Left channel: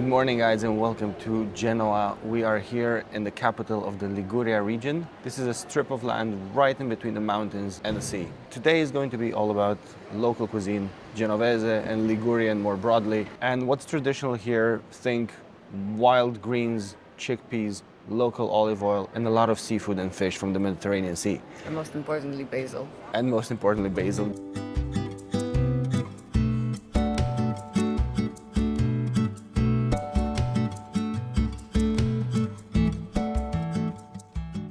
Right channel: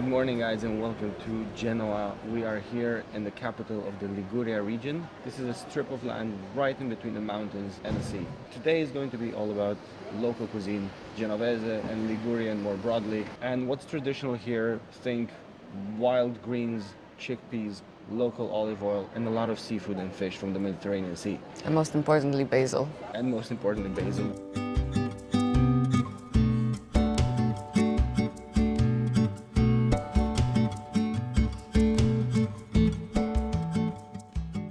Good morning, guys, and welcome to Genoa. We are here in the capital of the Liguria region. This is a strip of land right in between the mountains and the sea. Today is going to be all about local cuisine, Genovese and Ligurian more broadly. And what's traditional here, think wild greens, chickpeas, local olive oil, and a lot of seafood and fish from the Mediterranean Sea. And most importantly, basil. And most importantly, basil.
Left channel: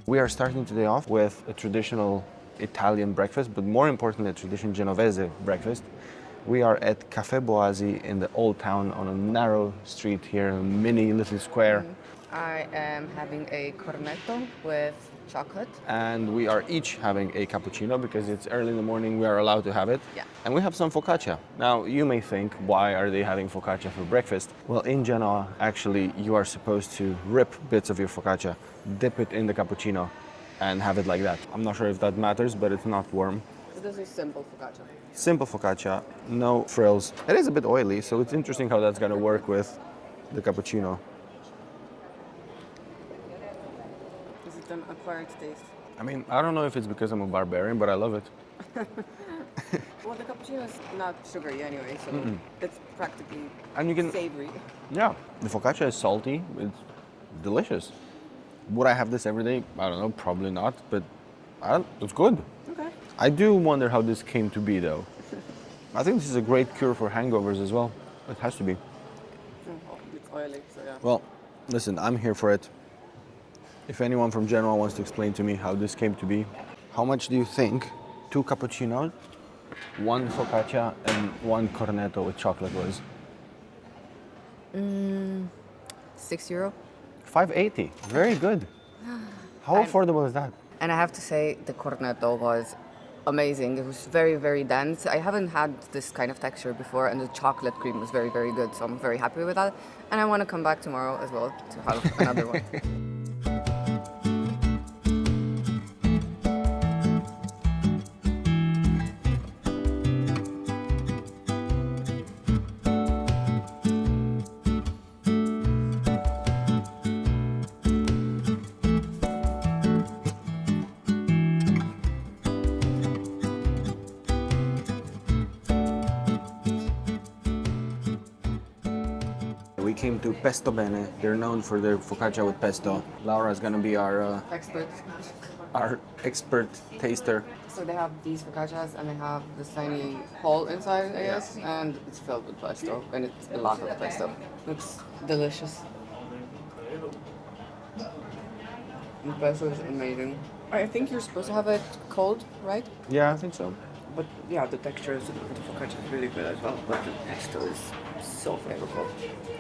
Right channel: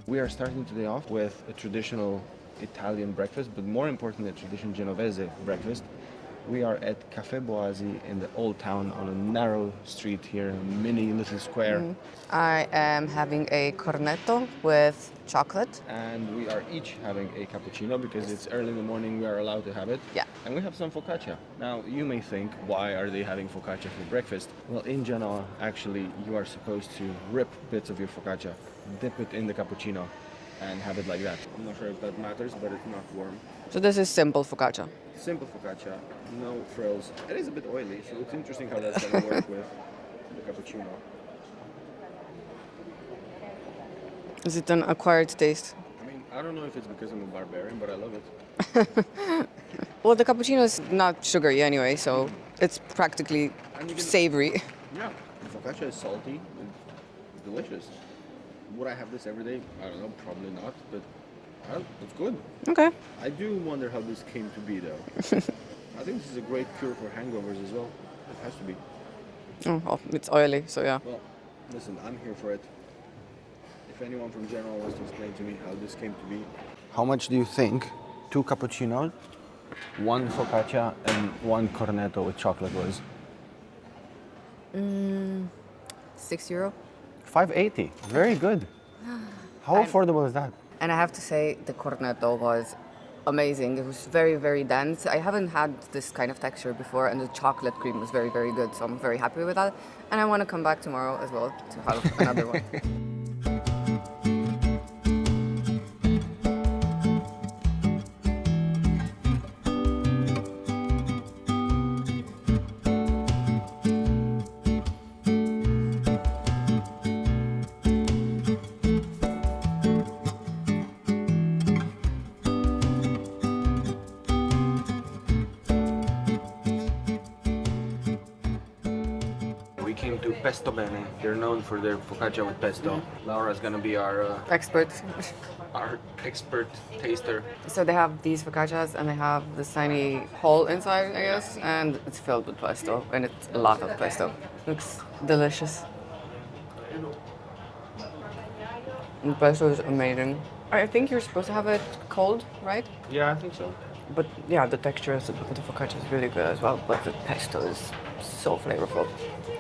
We are starting today off with a traditional Italian breakfast, but more importantly, a traditional Genovese breakfast. We are at Caffè Boasi in the old town on a narrow street here, a mini little square. I am having a cornetto with chocolate. And we are each having a cappuccino because it's early in the morning, we are allowed to have it. Yeah. And we have some focaccia. Now, you may think, why are they having focaccia for breakfast? Well, in Genoa, actually, you are supposed to rip bits of your focaccia, dip it in the cappuccino, and have it like that. I'm not sure if that matters, but it's not warm. So this is simple focaccia. Simple focaccia, no frills. It is a bit oily, so it's interesting how that's gonna work with the cappuccino. Is it an acquired taste? I mean, I don't know if it's because I'm a barbarian, but I love it. Well, the cappuccino is not sugary anyway, so it's practically And you can- savory. Yeah, the focaccia is salty. It's delicious. Would I have this every day? I don't know, probably not, but it's good. Okay. I do wonder how this came to be, though. I think this is a great cure for hangovers as well. It has to be. Oh, well, it's oily, so yeah. Well, listen, I'm here for it. If anyone from Genoa wants to explain to me how this came to be. How much do you think 2 cappuccinos, 1 focaccia, and 1 cornetto with chocolate was? €6. $5.80. Very good. How affordable is that? And I have to say, the cornetto was amazing. It was very, very dense. I haven't had this kind of texture before, and the chocolate cream was very, very good. So I'm very happy with that. And I want to come back tomorrow as well to have another one. We came to Pesto Bene. They're known for their focaccia with pesto. Laura's gonna be our expert taster. So they have these focaccias and they have this tiny hole inside, I guess, and it's filled with pesto, and it's a lot of pesto. Looks delicious. And pesto is amazing. I think you're supposed to have it cold, right? Yeah, I think so. But yeah, the texture of the focaccia is really good as well, but the pesto is so flavorful.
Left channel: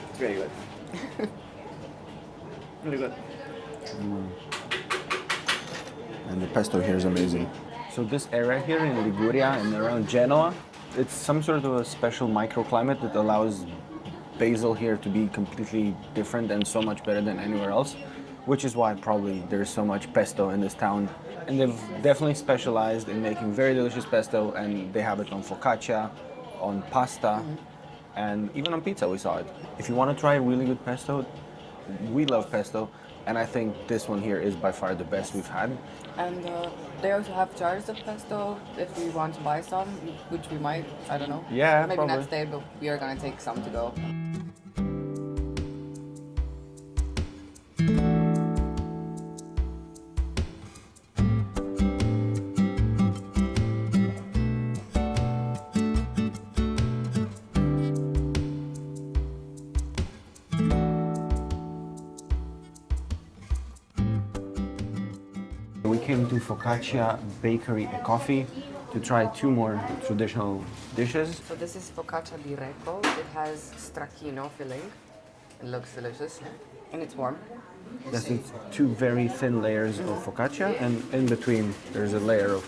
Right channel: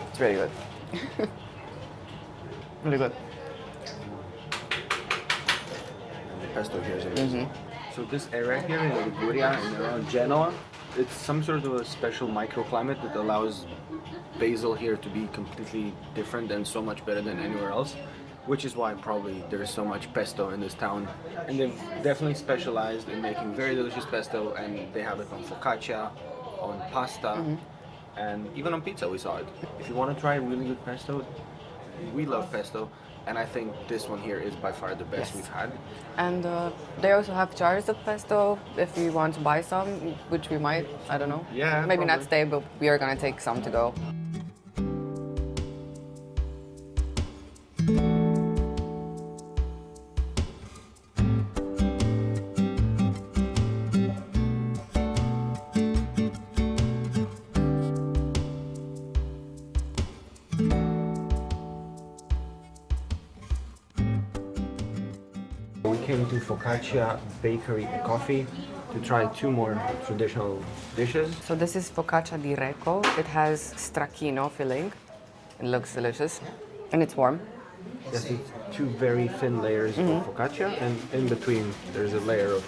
It's very good. Really good. And the pesto here is amazing. So this area here in Liguria and around Genoa, it's some sort of a special microclimate that allows basil here to be completely different and so much better than anywhere else, which is why probably there's so much pesto in this town. And they've definitely specialized in making very delicious pesto, and they have it on focaccia, on pasta, and even on pizza we saw it. If you want to try really good pesto, we love pesto, and I think this one here is by far the best we've had. And they also have jars of pesto if we want to buy some, which we might, I don't know. Yeah, Maybe probably. not today, but we are gonna take some to go. We came to Focaccia Bakery and Coffee to try 2 more traditional dishes. So this is focaccia di Recco. It has stracchino filling. It looks delicious, and it's warm. Yes, it's 2 very thin layers of focaccia, and in between there's a layer of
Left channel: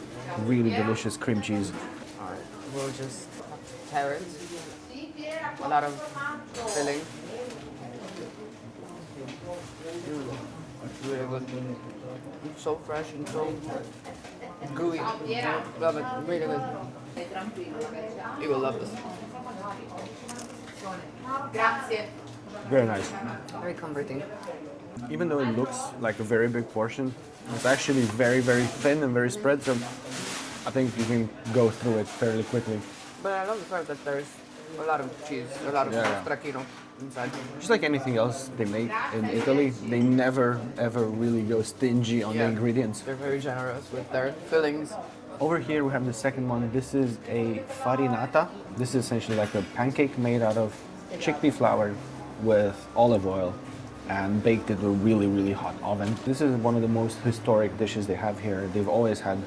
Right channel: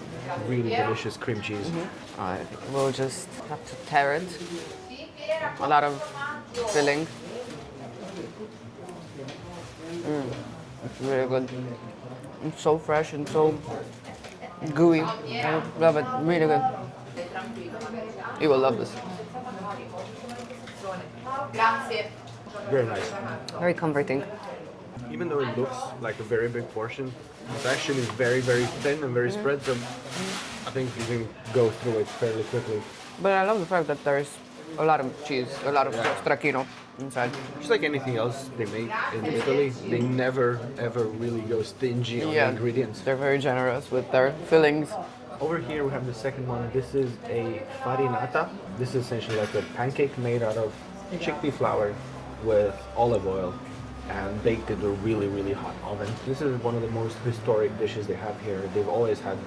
really delicious cream cheese. We'll just have to tear it. A lot of filling. It's really good. It's so fresh and so gooey. I love it. Really good. You will love this. Very nice. Very comforting. Even though it looks like a very big portion, it's actually very, very thin and very spread, so I think you can go through it fairly quickly. But I love the fact that there's a lot of cheese, a lot of stracchino inside. Just like anything else they make in Italy, they never ever really go stingy on the ingredients. They're very generous with their fillings. Over here we have the second one. This is a farinata. This is essentially like a pancake made out of chickpea flour with olive oil and baked in a really, really hot oven. This is one of the most historic dishes they have here. They've always had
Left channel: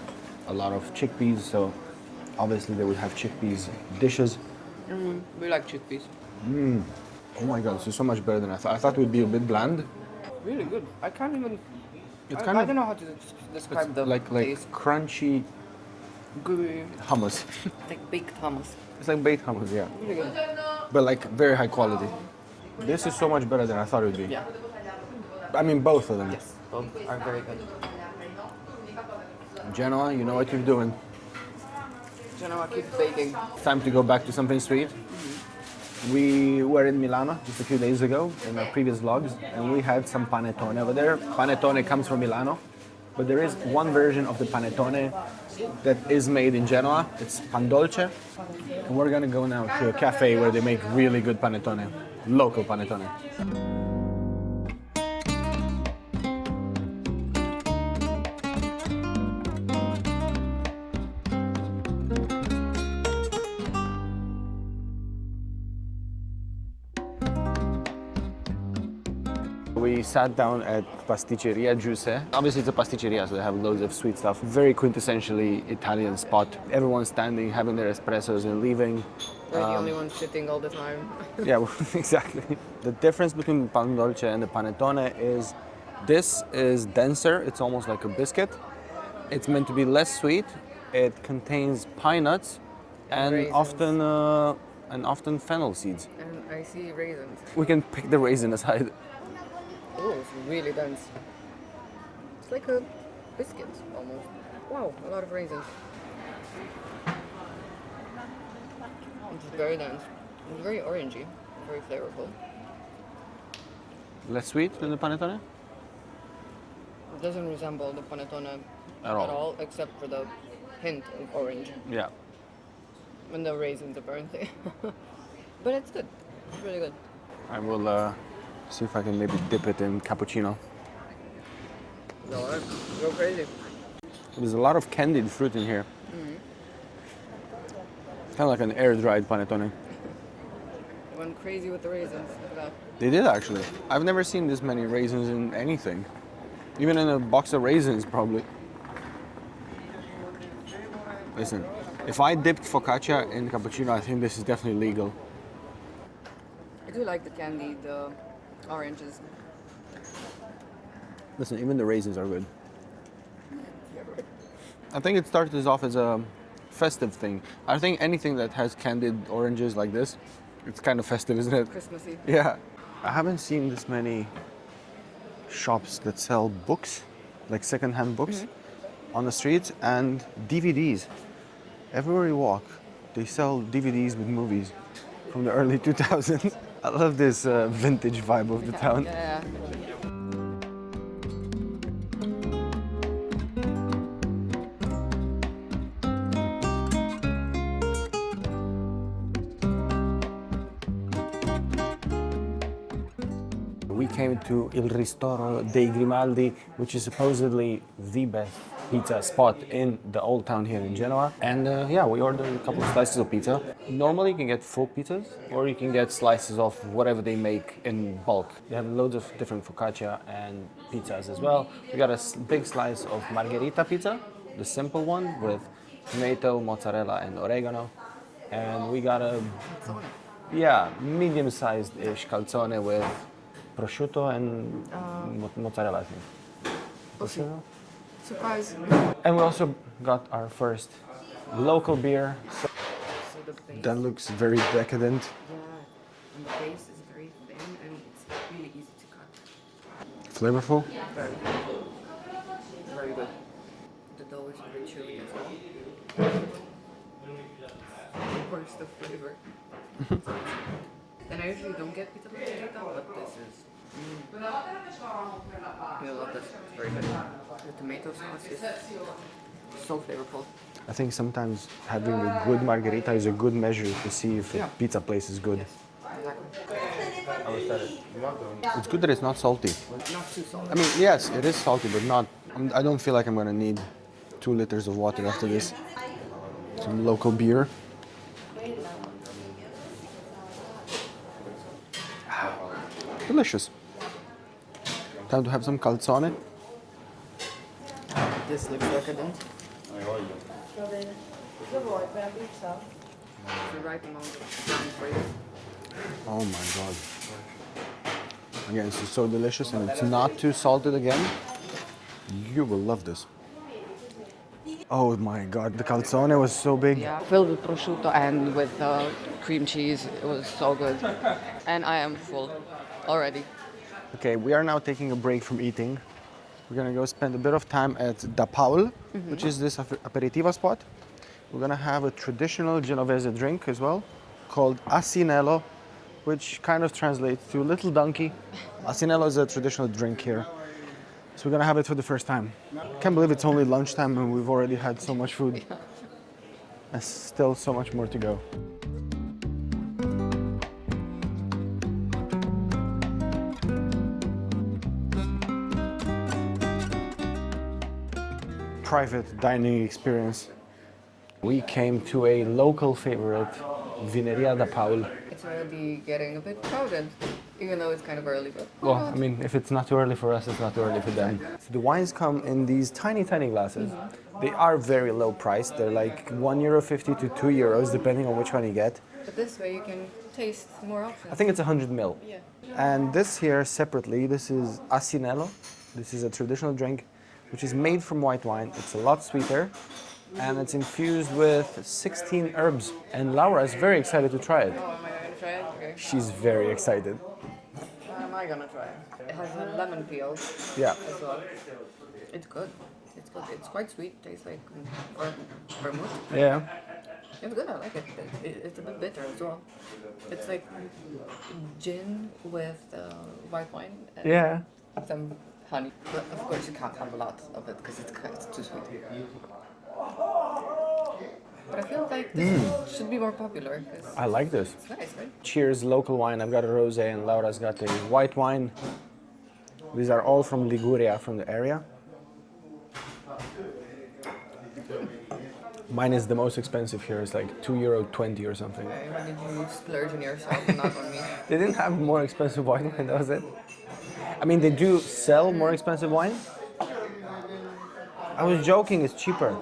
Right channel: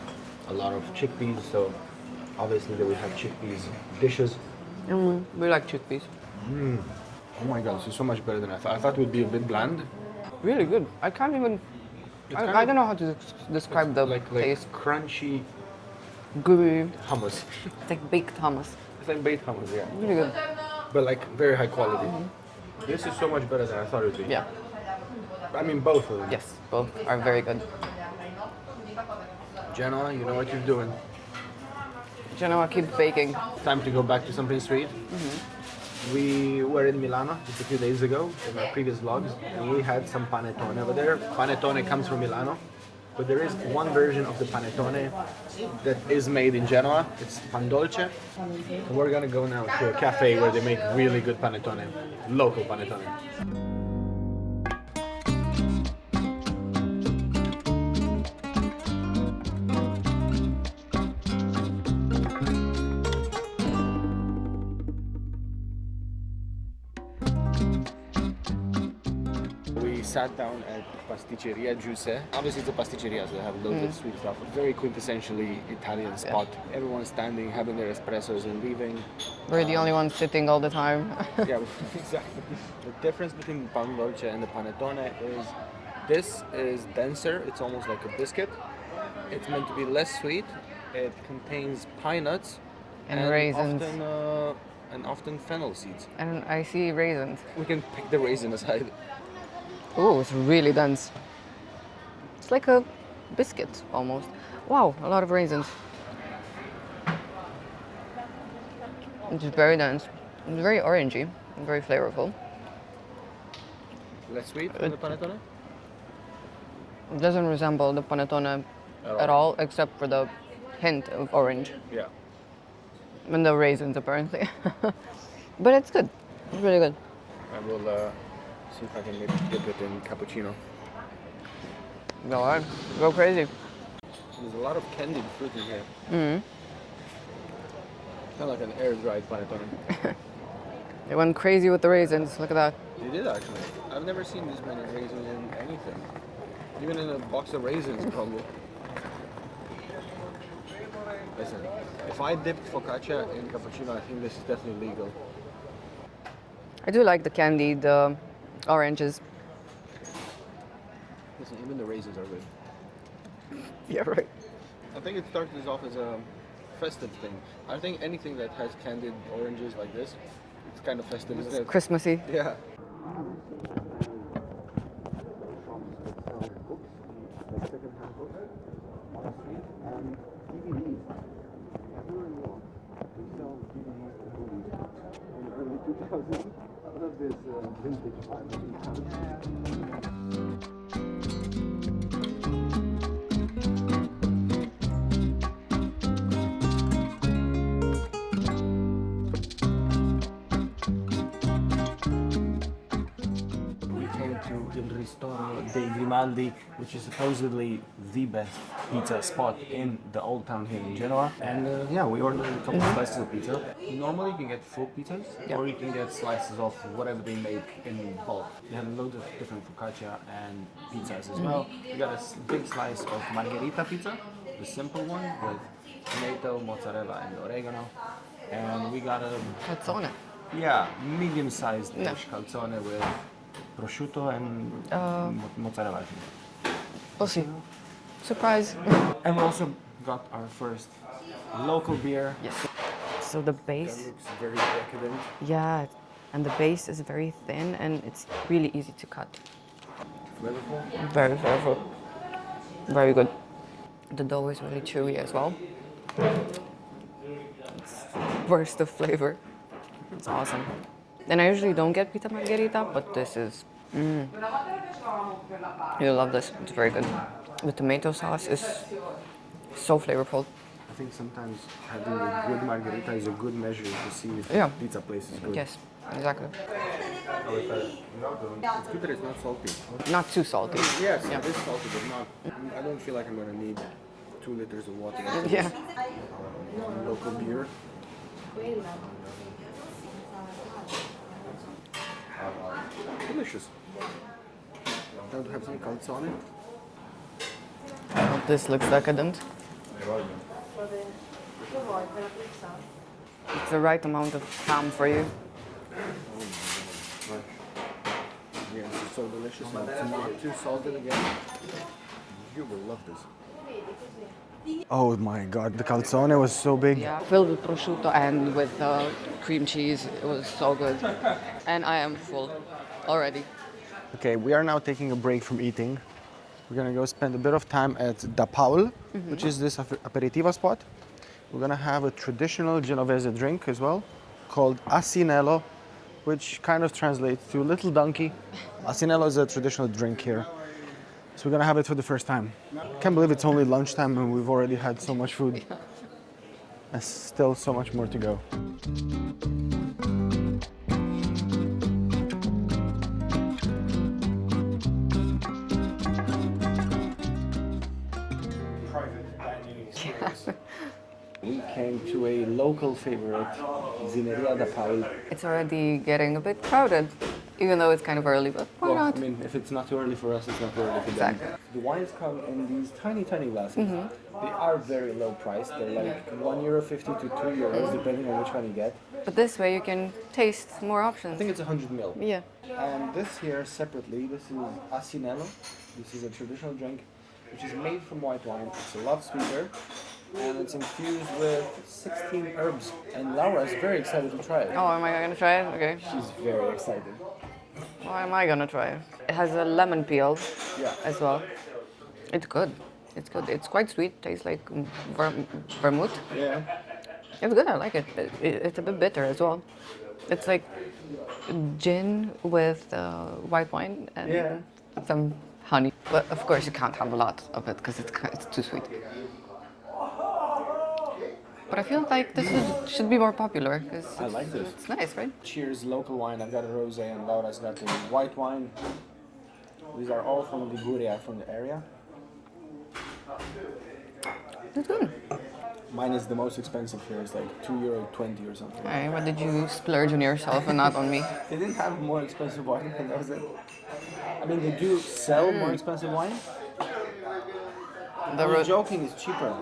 a lot of chickpeas, so obviously they would have chickpeas dishes. We like chickpeas. Oh my god, this is so much better than I thought. I thought it would be a bit bland. Really good. I can't even. I don't know how to describe the like taste. crunchy Gooey. hummus. It's like baked hummus. It's like baked hummus, yeah. Really good. But like very high quality. This is so much better than I thought it would be. Yeah. I mean both of them. Yes, both are very good. Genoa, you know what you're doing. Genoa, keep baking. Time to go back to something sweet. We were in Milano just a few days ago in our previous vlogs, and we had some panettone over there. Panettone comes from Milano, but there is one version of the panettone that is made in Genoa. It's pan dolce. And we're gonna go now to a cafe where they make really good panettone, local panettone. We sat down at Pasticceria Giuseppe. Obviously it's a pasticceria, so they have loads of sweet stuff. Very quintessentially Italian spot. Everyone's standing, having their espressos and leaving. We're the only ones sitting all the time. Yeah, exactly. The difference between pan dolce and the panettone is this is denser, it's almost like a biscuit. It's meant to be less sweet. It contains pine nuts And raisins. often fennel seeds. And I see raisins. We can pick the raisin aside. Oh, it's really dense. It's like a biscuit almost. Wow, a lot of raisins. It's very dense. It's very orangey, very flavorful. Less sweet than the panettone? It doesn't resemble the panettone at all, except for the hint of orange Yeah. and the raisins apparently. But it's good. It's really good. I will see if I can maybe dip it in cappuccino. Go on, go crazy. There's a lot of candied fruit in here. Kind of like an air-dried panettone. They went crazy with the raisins. Look at that. They did actually. I've never seen this many raisins in anything. Even in a box of raisins, probably. Listen, if I dipped focaccia in cappuccino, I think this is definitely legal. I do like the candied oranges. Listen, even the raisins are good. Yeah, right. I think it started off as a festive thing. I think anything that has candied oranges like this, it's kind of festive, isn't it? Christmassy. Yeah. I haven't seen this many shops that sell books, like secondhand books, on the streets, and DVDs. Everywhere you walk, they sell DVDs with movies from the early 2000s. I love this vintage vibe of the town. Yeah. We came to Il Ristoro dei Grimaldi, which is supposedly the best pizza spot in the old town here in Genoa. And yeah, we ordered a couple of slices of pizza. Normally you can get full pizzas, or you can get slices of whatever they make in bulk. They have loads of different focaccia and pizzas as well. We got a big slice of margherita pizza, the simple one with tomato, mozzarella and oregano. And we got a Calzone. medium-sized dish calzone with prosciutto and mozzarella, I think. We'll see. Surprise. And we also got our first local beer. So the base. That looks very decadent. Yeah, and the base is very thin and it's really easy to cut. Flavorful. Very flavorful. Very good. The dough is really chewy as well. It's a burst of flavor. It's awesome. And I usually don't get pita margherita, but this is... You'll love this. It's very good. The tomato sauce is so flavorful. I think sometimes having a good margherita is a good measure to see if Yeah. a pizza place is good. Yes, exactly. It's good that it's not salty. Not too salty. I mean, yes, it is salty, but not. I don't feel like I'm gonna need 2 liters of water after this. Some local beer. Delicious. Time to have some calzone. This looks decadent. It's the right amount of ham for you. Oh my god. Again, it's so delicious and it's not too salted again. You will love this. Oh my god, the calzone was so big. Yeah, filled with prosciutto and with cream cheese. It was so good. And I am full already. Okay, we are now taking a break from eating. We're gonna go spend a bit of time at Da Paul, which is this aperitivo spot. We're gonna have a traditional Genovese drink as well, called Asinello, which kind of translates to little donkey. Asinello is a traditional drink here. So we're gonna have it for the first time. Can't believe it's only lunchtime and we've already had so much food. There's still so much more to go. Private dining experience. We came to a local favorite, Vineria da Paul. It's already getting a bit crowded, even though it's kind of early, but why Well, not? I mean, if it's not too early for us, it's not too early for them. The wines come in these tiny, tiny glasses. They are very low priced. They're like €1.50 to €2, depending on which one you get. But this way you can taste more I options. think it's 100 ml. Yeah. And this here separately, this is Asinello. This is a traditional drink which is made from white wine. It's a lot sweeter and it's infused with 16 herbs. And Laura is very excited to try it. Oh, am I gonna try it? Okay. She's very excited. Why am I gonna try it? It has a lemon peel Yeah. as well. It's good. It's good. It's quite sweet. Tastes like vermouth. Yeah. It's good. I like it. It's a bit bitter as well. It's like gin with white wine and Yeah. some honey. But of course, you can't have a lot of it because it's too sweet. But I feel like this should be more popular because I like this. it's nice, right? Cheers, local wine. I've got a rosé and Laura's got a white wine. These are all from Liguria, from the area. It's good. Mine is the most expensive here. It's like €2.20 or something. Hey, what did you splurge on yourself and not on me? They didn't have more expensive wine, and that was it. I mean, they do sell more expensive wine. I was joking, it's cheaper.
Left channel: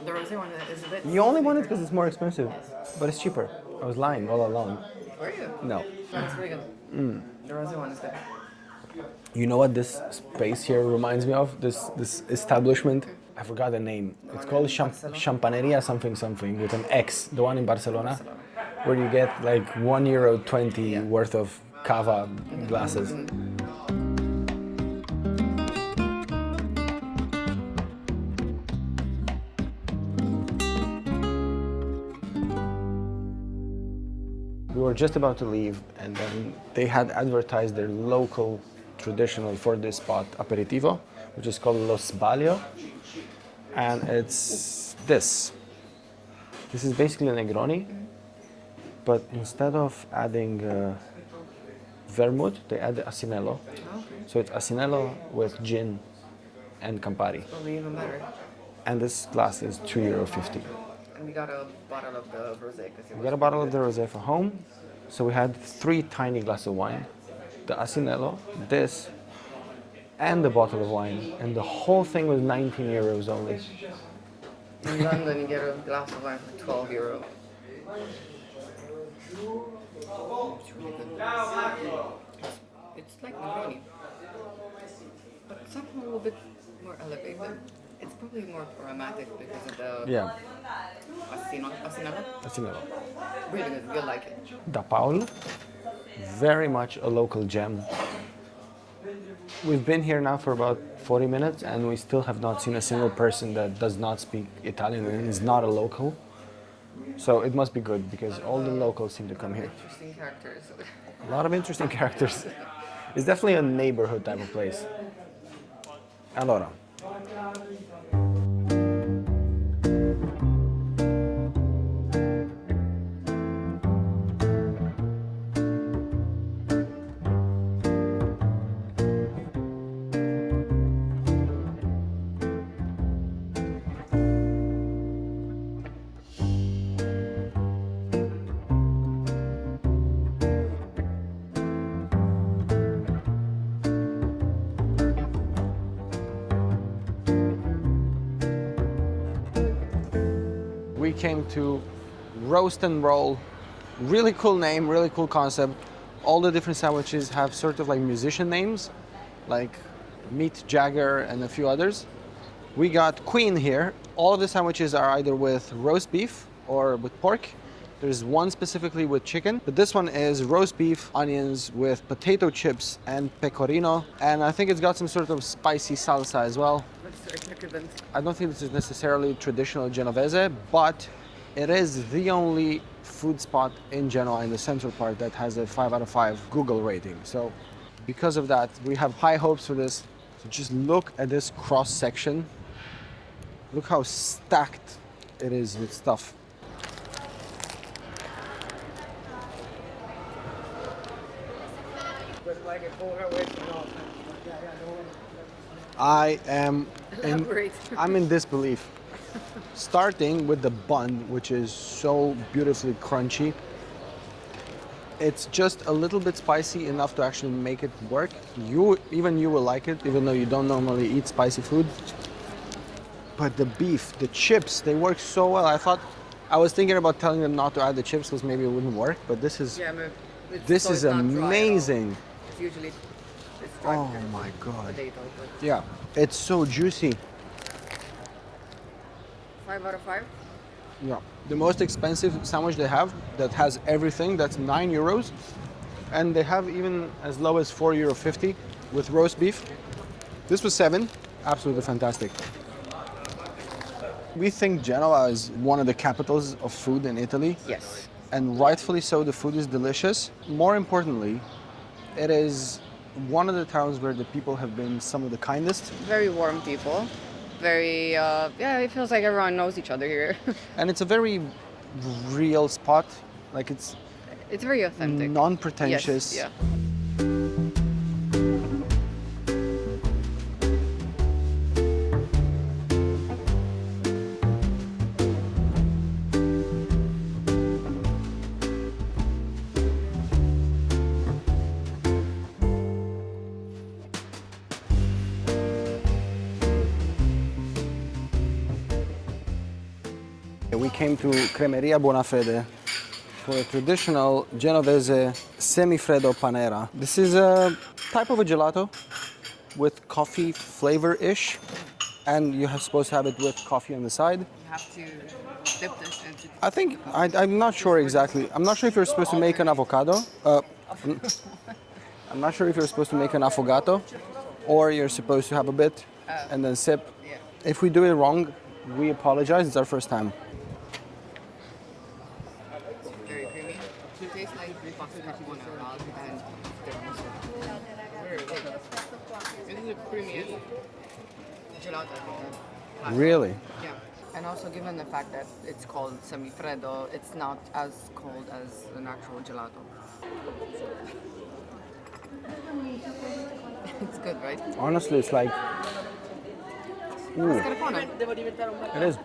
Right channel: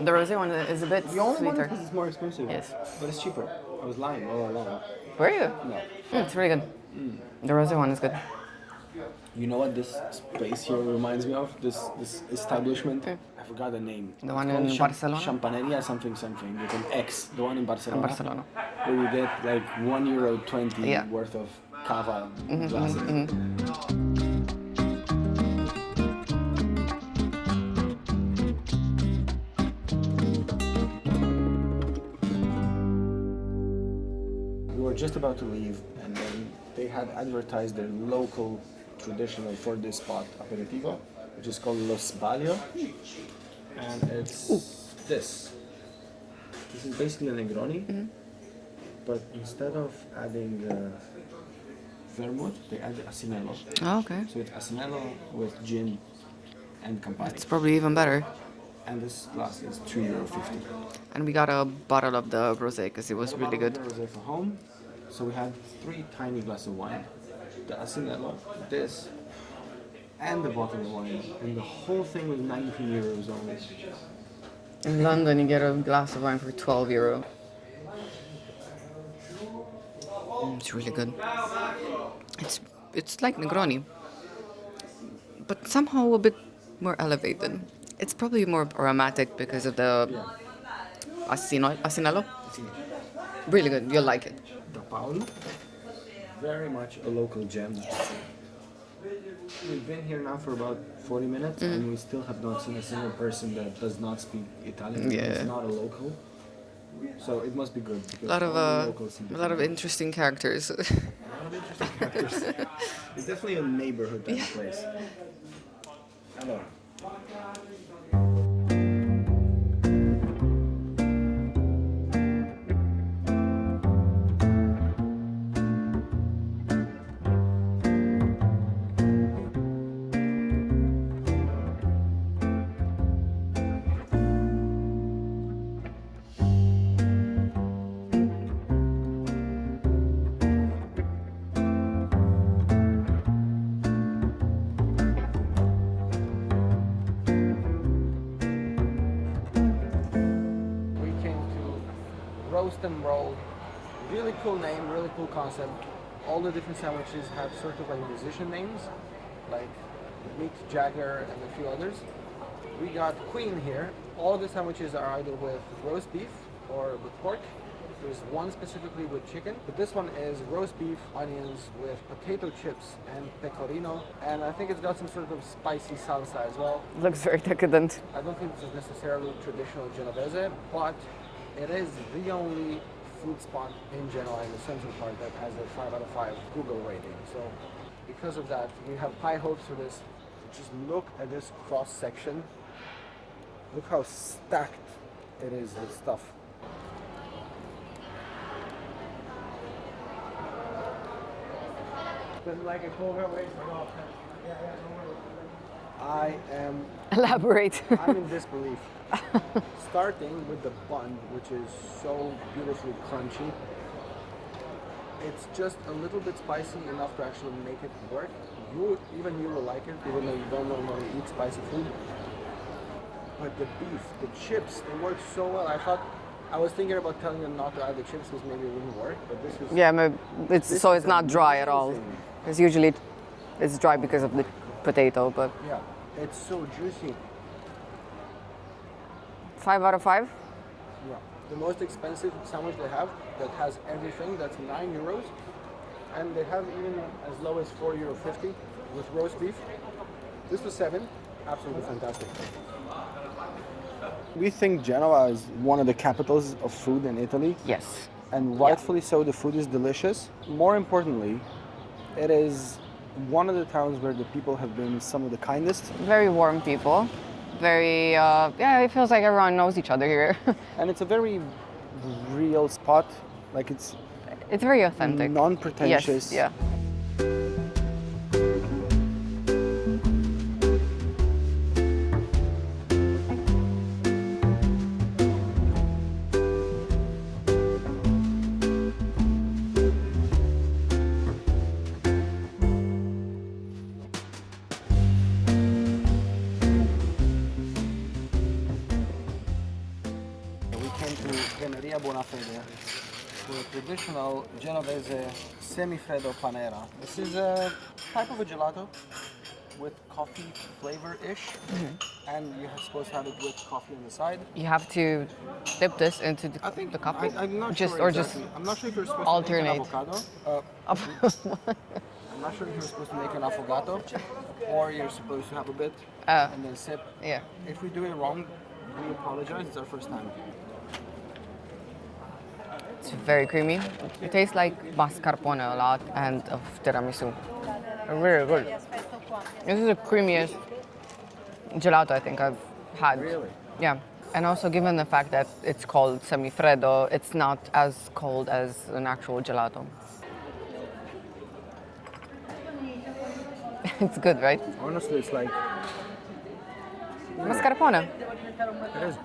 The rosé one is a bit You only want it sweeter. because it's more expensive. Yes. But it's cheaper. I was lying all along. Were you? No. It's really good. The rosé one is good. You know what this space here reminds me of? This establishment? I forgot the name. The It's one called in Barcelona? Champaneria something something with an X. The one in Barcelona. Barcelona. Where you get like €1.20 Yeah. worth of cava glasses. We were just about to leave, and then they had advertised their local traditional for this spot aperitivo, which is called Lo Sbaglio, and it's this. This is basically a Negroni, but instead of adding vermouth, they add Asinello. Oh, okay. So it's Asinello with gin and Campari. It's probably even better. And this glass is €2.50. And we got a bottle of the rosé because it We was got a really bottle good. of the rosé for home. So we had 3 tiny glasses of wine, the Asinello, this, and the bottle of wine. And the whole thing was €19 only. In London, you get a glass of wine for €12. It's really good. It's like Negroni, but somehow a bit more elevated. It's probably more aromatic because of the Yeah, Asinello. Asinello. Really good. You'll like it. Da Paul, very much a local gem. We've been here now for about 40 minutes and we still have not seen a single person that does not speak Italian and is Yeah. not a local. So it must be good because all the locals seem to a come lot of here. interesting characters. A lot of interesting characters. It's definitely a neighborhood type of place. Allora. We came to Roast and Roll. Really cool name, really cool concept. All the different sandwiches have sort of like musician names, like Meat Jagger and a few others. We got Queen here. All of the sandwiches are either with roast beef or with pork. There's one specifically with chicken, but this one is roast beef, onions with potato chips and pecorino, and I think it's got some sort of spicy salsa as well. Looks very decadent. I don't think this is necessarily traditional Genovese, but it is the only food spot in Genoa in the central part that has a 5 out of 5 Google rating. So because of that, we have high hopes for this. So just look at this cross section. Look how stacked it is with stuff. I am Elaborate. I'm in disbelief. Starting with the bun, which is so beautifully crunchy. It's just a little bit spicy enough to actually make it work. Even you will like it, even though you don't normally eat spicy food. But the beef, the chips, they work so well. I was thinking about telling them not to add the chips because maybe it wouldn't work, but this is Yeah, it's not dry at all. amazing. Because usually it's dry Oh because of the my God. potato, but Yeah, it's so juicy. 5 out of 5? Yeah. The most expensive sandwich they have that has everything, that's €9. And they have even as low as €4.50 with roast beef. This was 7, absolutely fantastic. We think Genoa is one of the capitals of food in Italy. Yes. And rightfully so, the food is delicious. More importantly, it is one of the towns where the people have been some of the kindest. Very warm people. Very, it feels like everyone knows each other here. And it's a very real spot. Like it's It's very authentic. non-pretentious. Yes, yeah. We came to Cremeria Bonafede for a traditional Genovese semifreddo panera. This is a type of a gelato with coffee flavor-ish, and you're supposed to have it with coffee on the side. You have to dip this into the, I think the coffee. I'm not sure Or just exactly. I'm not sure if you're supposed to make an alternate. avocado. I'm not sure if you're supposed to make an affogato, or you're supposed to have a bit and then sip. Yeah. If we do it wrong, we apologize. It's our first time. It's very creamy. It tastes like mascarpone a lot and of tiramisu. Very good. This is the creamiest gelato I think I've had. Really? Yeah. And also given the fact that it's called semifreddo, it's not as cold as an actual gelato. It's good, right? Honestly, it's like Mascarpone. it is.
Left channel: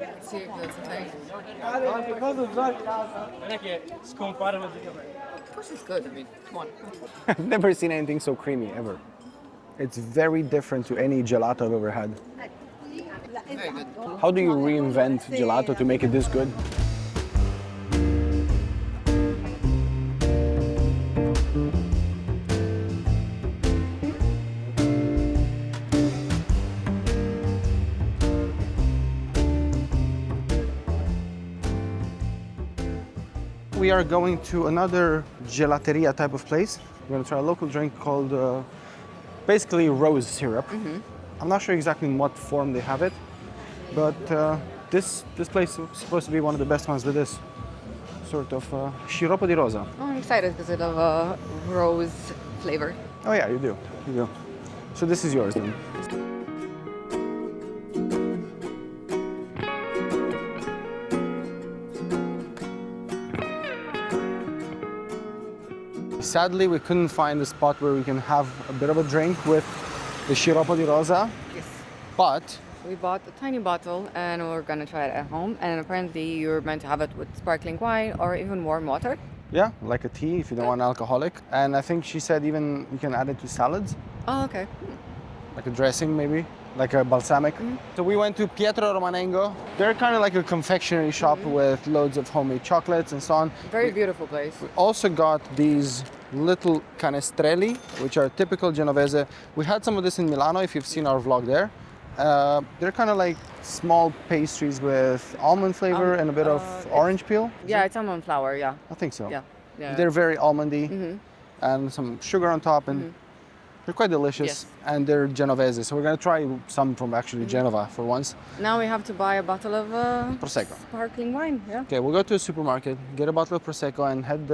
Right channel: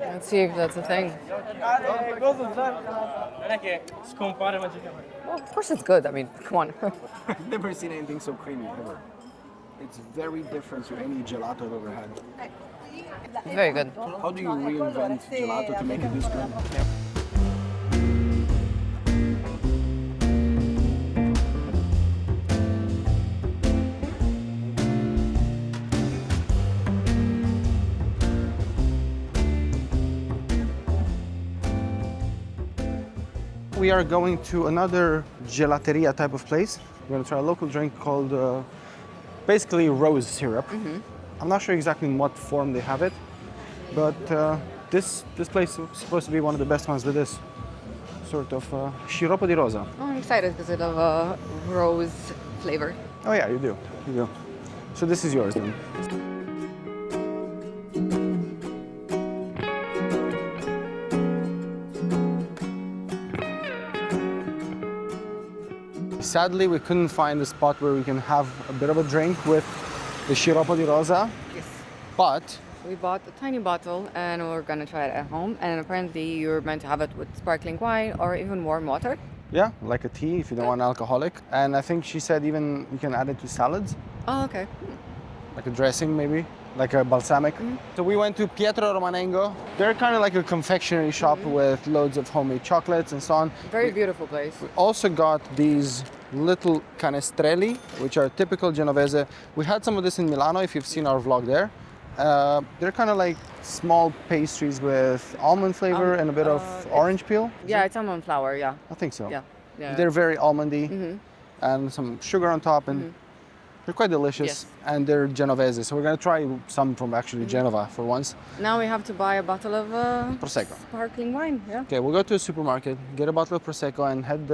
Let's see if that's a thing. Well, of course it's good. I mean, come on. I've never seen anything so creamy ever. It's very different to any gelato I've ever had. It's very good. How do you reinvent gelato to make it this good? We are going to another gelateria type of place. We're going to try a local drink called basically rose syrup. I'm not sure exactly in what form they have it, but this place is supposed to be one of the best ones with this sort of sciroppo di rosa. Oh, I'm excited because I love rose flavor. Oh yeah, you do. You do. So this is yours then. Sadly, we couldn't find a spot where we can have a bit of a drink with the sciroppo di rosa, Yes. but We bought a tiny bottle and we're gonna try it at home. And apparently you're meant to have it with sparkling wine or even warm water. yeah, like a tea if you don't want alcoholic. And I think she said even you can add it to salads, Oh, okay. like a dressing maybe, like a balsamic. So we went to Pietro Romanengo. They're kind of like a confectionery shop with loads of homemade chocolates and so on. Very beautiful place. We also got these little canestrelli, which are typical Genovese. We had some of this in Milano, if you've seen our vlog there. They're kind of like small pastries with almond flavor and a bit of orange peel. Yeah, it's almond flour, yeah. I think so. Yeah. Yeah. They're very almondy and some sugar on top, and they're quite delicious. Yes. And they're Genovese, so we're gonna try some from actually Genova for once. Now we have to buy a bottle of Prosecco. sparkling wine, yeah. Okay, we'll go to a supermarket, get a bottle of Prosecco, and head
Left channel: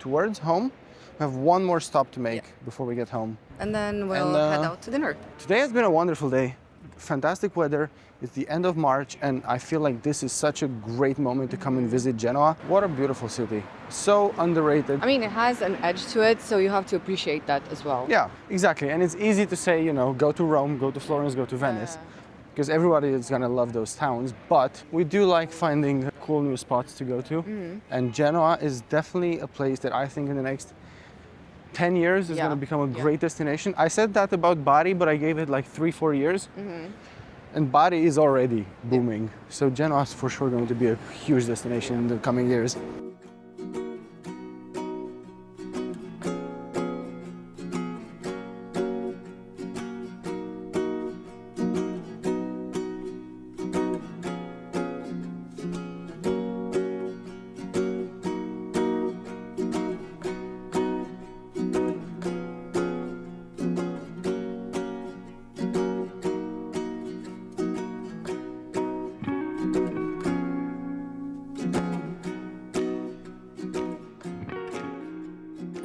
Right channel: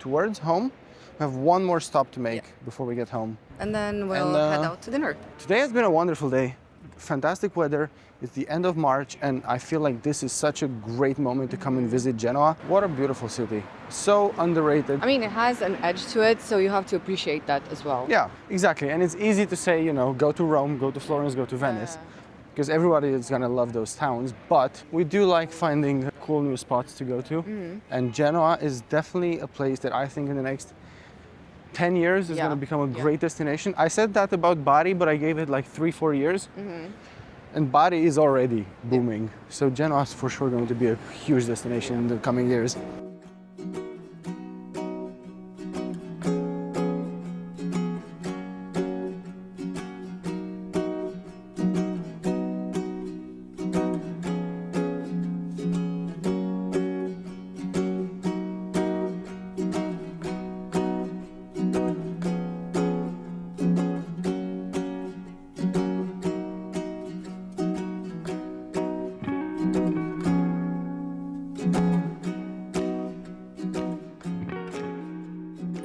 towards home. We have one more stop to make before we get home. And then we'll And, head out to dinner. Today has been a wonderful day. Fantastic weather. It's the end of March, and I feel like this is such a great moment to come and visit Genoa. What a beautiful city. So underrated. I mean, it has an edge to it, so you have to appreciate that as well. Yeah, exactly. And it's easy to say, you know, go to Rome, go to Florence, go to Venice, because everybody is gonna love those towns. But we do like finding cool new spots to go to. And Genoa is definitely a place that I think in the next 10 years is Yeah. going to become a great destination. I said that about Bari, but I gave it like 3-4 years. And Bari is already booming. So Genoa is for sure going to be a huge destination in the coming years.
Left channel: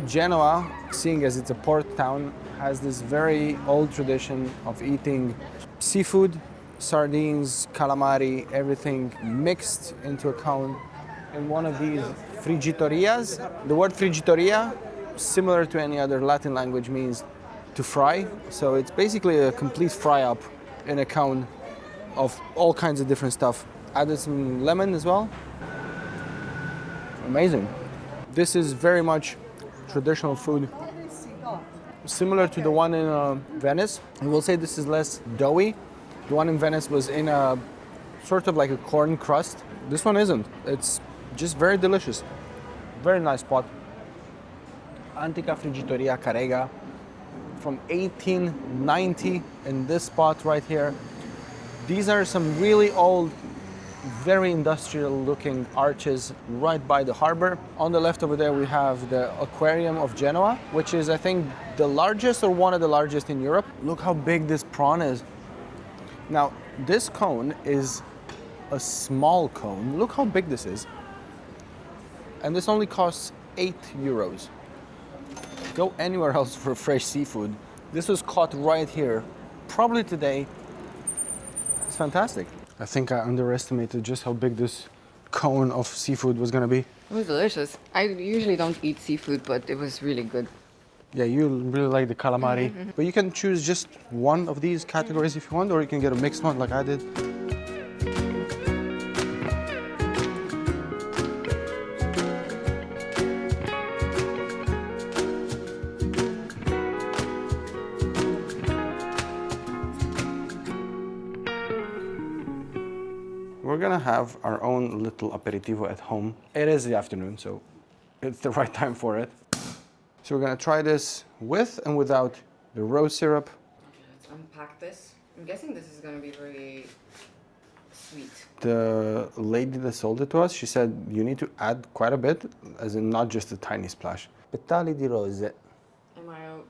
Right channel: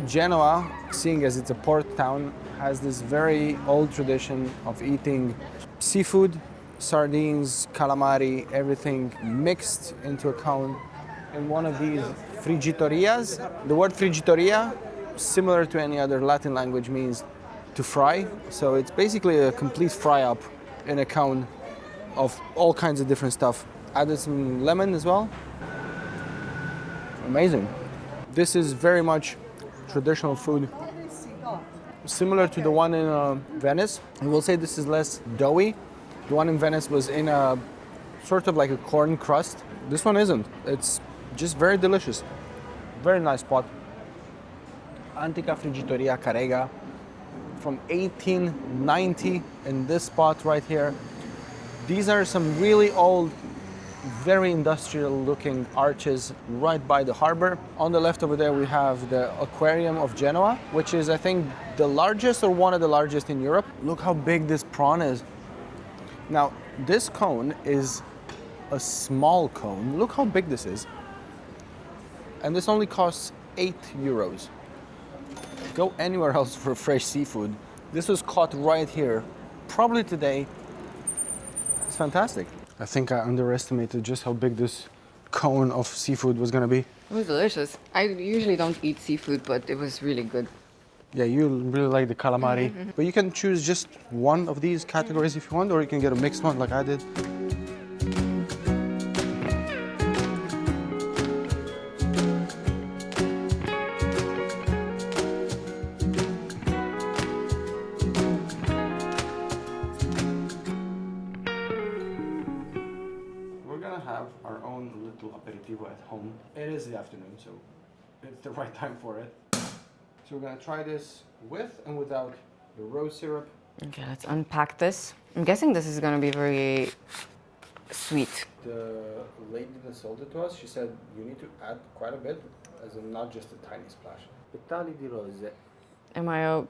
Genoa, seeing as it's a port town, has this very old tradition of eating seafood, sardines, calamari, everything mixed into a cone in one of these friggitorias. The word friggitoria, similar to any other Latin language, means to fry. So it's basically a complete fry up in a cone of all kinds of different stuff. Added some lemon as well. Amazing. This is very much traditional food, similar to the one in Venice. I will say this is less doughy. The one in Venice was in a sort of like a corn crust. This one isn't. It's just very delicious. Very nice spot. Antica Friggitoria Carrega from 1890 in this spot right here. These are some really old, very industrial looking arches right by the harbor. On the left over there we have the aquarium of Genoa, which is I think the largest or one of the largest in Europe. Look how big this prawn is. Now this cone is a small cone. Look how big this is. And this only costs 8 euros. Go anywhere else for fresh seafood. This was caught right here, probably today. It's fantastic. I think I underestimated just how big this cone of seafood was gonna be. It was delicious. I usually don't eat seafood, but it was really good. Yeah, you really like the calamari. But you can choose just one of these categories if you want, or you can get a mixed one like I did. We're gonna have our own little aperitivo at home. It is the afternoon, so it's the right time for it. So we're gonna try this with and without the rose syrup. Okay, let's unpack this. I'm guessing this is gonna be very sweet. The lady that sold it to us, she said you need to add quite a bit, as in not just a tiny splash. Petali di rose. Am I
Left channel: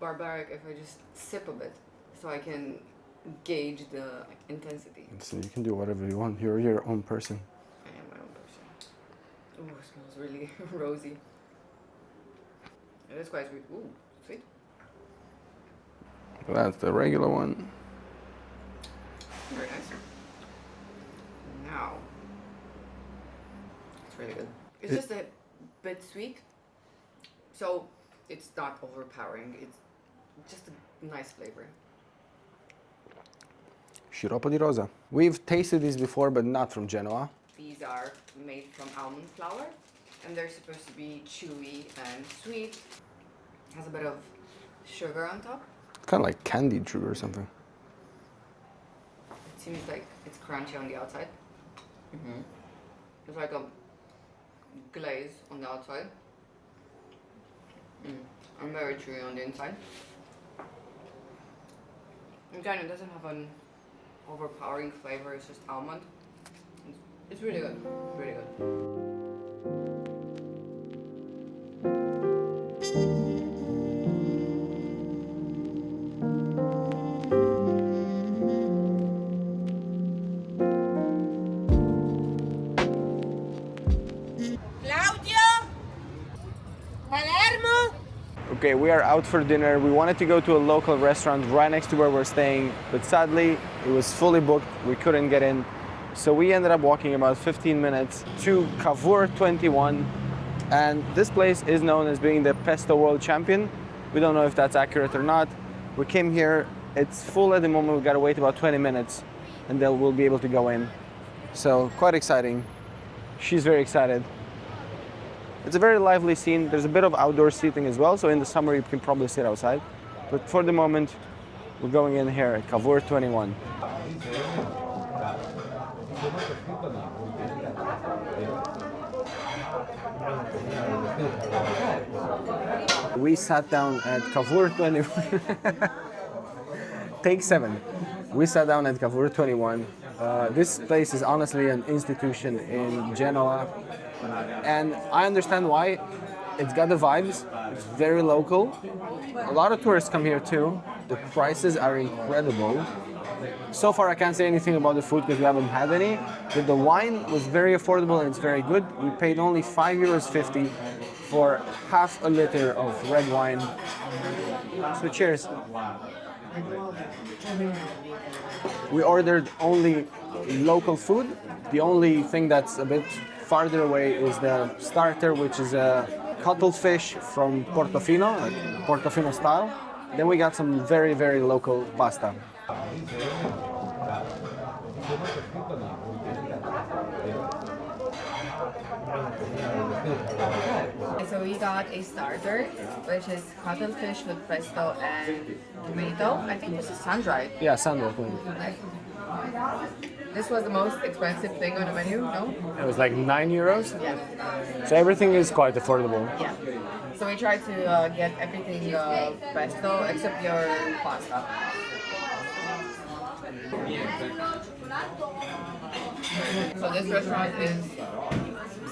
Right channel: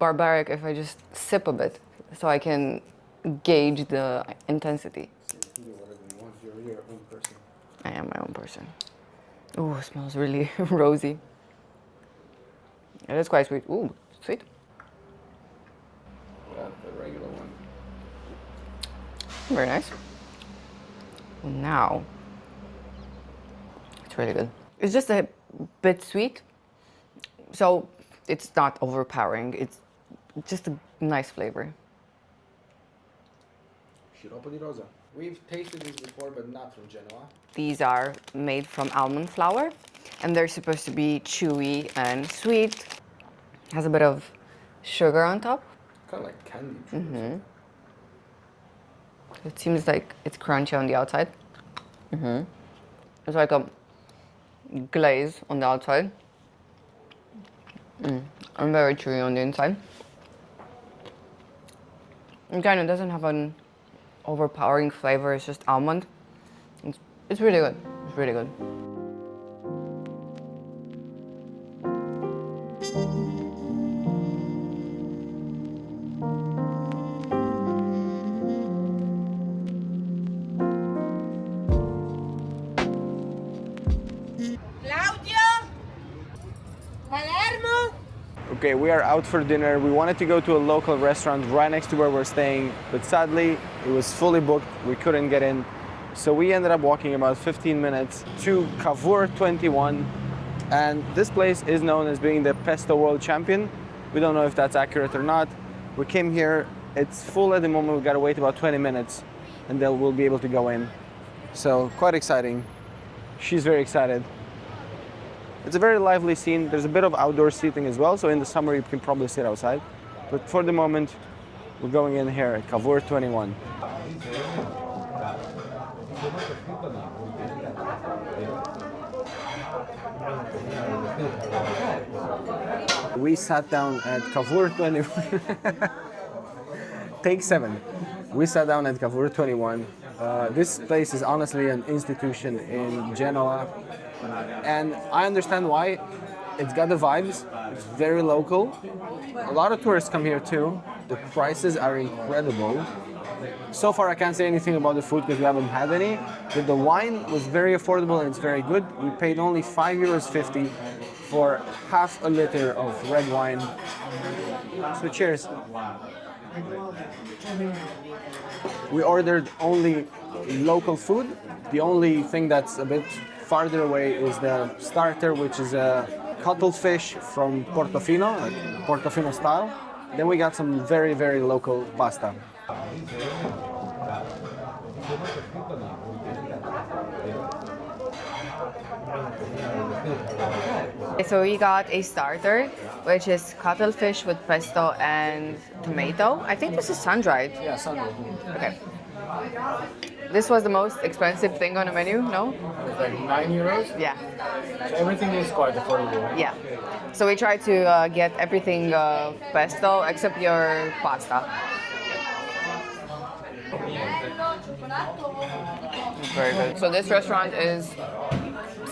barbaric if I just sip a bit so I can gauge the intensity. So you can do whatever you want. You're your own person. I am my own person. Oh, it smells really rosy. It is quite sweet. Ooh, sweet. That's the regular one. Very nice. Now, it's really good. It's just a bit sweet, so it's not overpowering. It's just a nice flavor. Sciroppo di rosa. We've tasted these before, but not from Genoa. These are made from almond flour, and they're supposed to be chewy and sweet. Has a bit of sugar on top. Kind of like candied sugar or something. It seems like it's crunchy on the outside. It's like a glaze on the outside. And very chewy on the inside. It kind of doesn't have an overpowering flavor. It's just almond. It's really good. It's really good. Okay, we are out for dinner. We wanted to go to a local restaurant right next to where we're staying, but sadly it was fully booked. We couldn't get in. So we ended up walking about 15 minutes to Cavour 21. And this place is known as being the Pesto World Champion. We don't know if that's accurate or not. We came here, it's full at the moment. We gotta wait about 20 minutes and then we'll be able to go in. So quite exciting. She's very excited. It's a very lively scene. There's a bit of outdoor seating as well, so in the summer you can probably sit outside. But for the moment, we're going in here at Cavour 21. We sat down at Cavour 21. Take 7. We sat down at Cavour 21. This place is honestly an institution in Genoa. And I understand why. It's got the vibes. It's very local. A lot of tourists come here too. The prices are incredible. So far I can't say anything about the food because we haven't had any. But the wine was very affordable and it's very good. We paid only €5.50 for half a liter of red wine. So cheers. We ordered only local food. The only thing that's a bit farther away is the starter, which is a cuttlefish from Portofino, like Portofino style. Then we got some very, very local pasta. So we got a starter, which is cuttlefish with pesto and tomato. I think this is sun-dried. Yeah, sun-dried. Okay. This was the most expensive thing on the menu, no? It was like €9. Yeah. So everything is quite affordable. Yeah. So we tried to get everything pesto except your pasta. Very good. So this restaurant is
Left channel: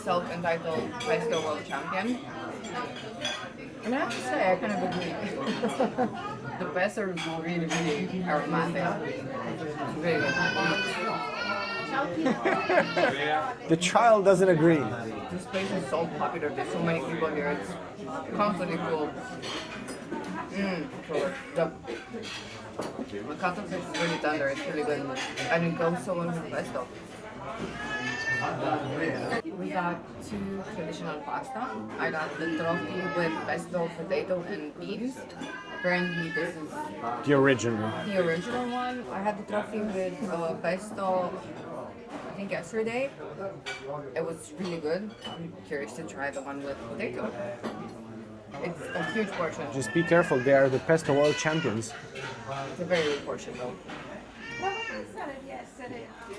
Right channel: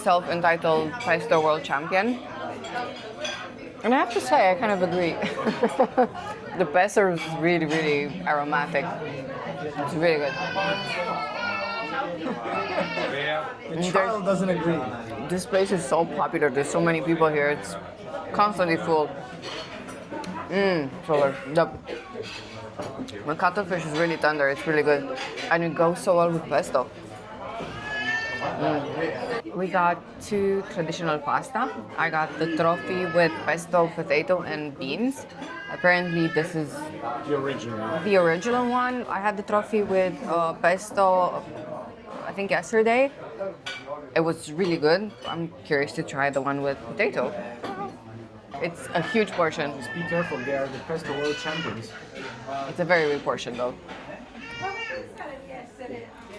self-entitled Pesto World Champion. And I have to say, I kind of agree. The pesto is really, really aromatic. It's really good. The child doesn't agree. This place is so popular. There's so many people here. It's constantly full. So the cuttlefish is really tender. It's really good. And it goes so well with pesto. We got 2 traditional pasta. I got the trophy with pesto, potato, and beans. Apparently, this is The original. the original one. I had the trophy with pesto, I think yesterday. It was really good. I'm curious to try the one with potato. It's a huge portion. Just be careful, they are the Pesto World Champions. It's a very big portion though.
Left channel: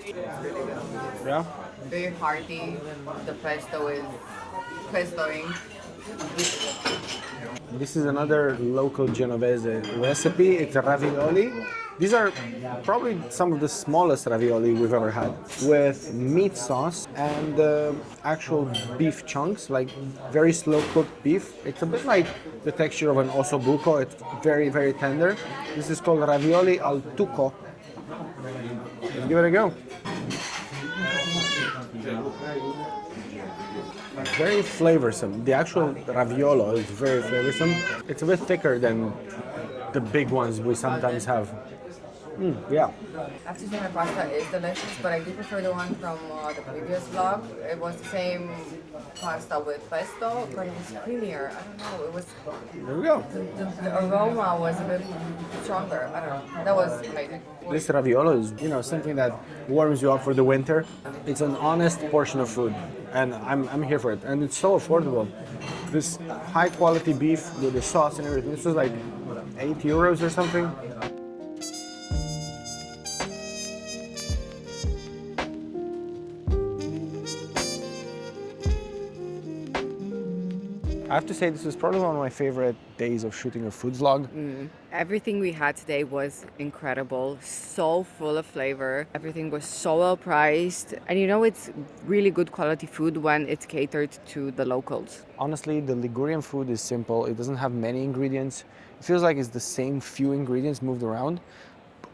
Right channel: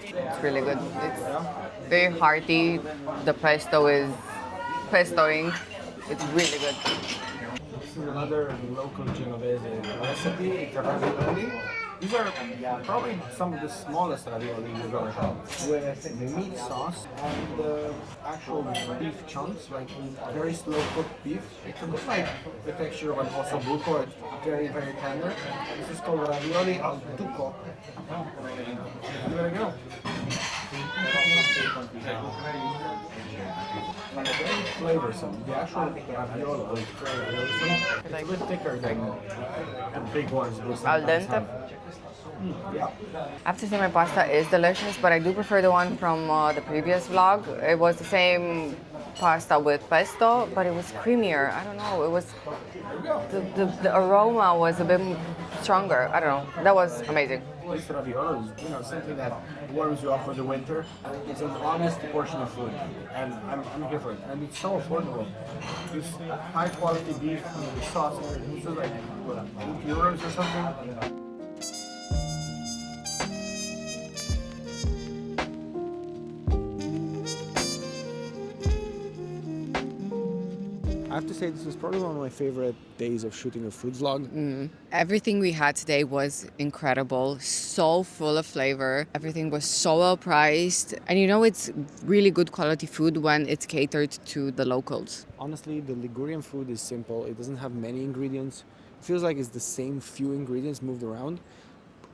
It's really good. It's very hearty. The pesto is pestoing. It's really good. This is another local Genovese recipe. It's a ravioli These are probably some of the smallest ravioli we've ever had, with meat sauce and actual beef chunks, like very slow cooked beef. It's a bit like the texture of an ossobuco. It's very, very tender. This is called ravioli al tuco. Let's give it a go. Very flavorsome. The actual raviolo is very flavorsome. It's a bit thicker than the big ones we sometimes have. Yeah. I have to say my pasta is delicious, but I do prefer the one from the previous vlog. It was the same pasta with pesto, but it was creamier. I don't know. It was There we go. the aroma was a bit stronger. I don't know. That was amazing. This raviolo is, something that warms you up for the winter. It's an honest portion of food, and I'm here for it. And it's so affordable. This high quality beef with the sauce and everything. This is like €8 or something. I have to say this was probably one of my favorite days of shooting a food vlog. Everything we had today was incredible, so full of flavor. Everything was so well priced. And it's really good quality food when it's catered to the locals. Honestly, the Ligurian food is simple. It doesn't have many ingredients. It feels like it's the same few ingredients moved around.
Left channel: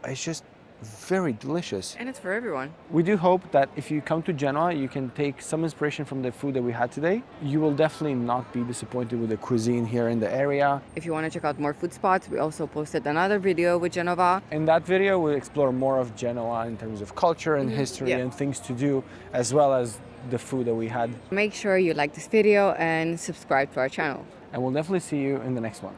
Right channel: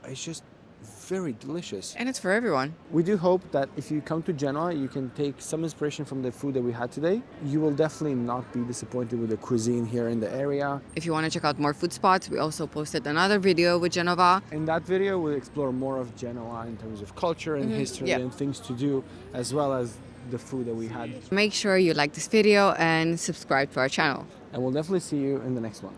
It's just very delicious. And it's for everyone. We do hope that if you come to Genoa, you can take some inspiration from the food that we had today. You will definitely not be disappointed with the cuisine here in the area. If you want to check out more food spots, we also posted another video with Genova. In that video, we'll explore more of Genoa in terms of culture and history and things to do, as well as the food that we had. Make sure you like this video and subscribe to our channel. And we'll definitely see you in the next one.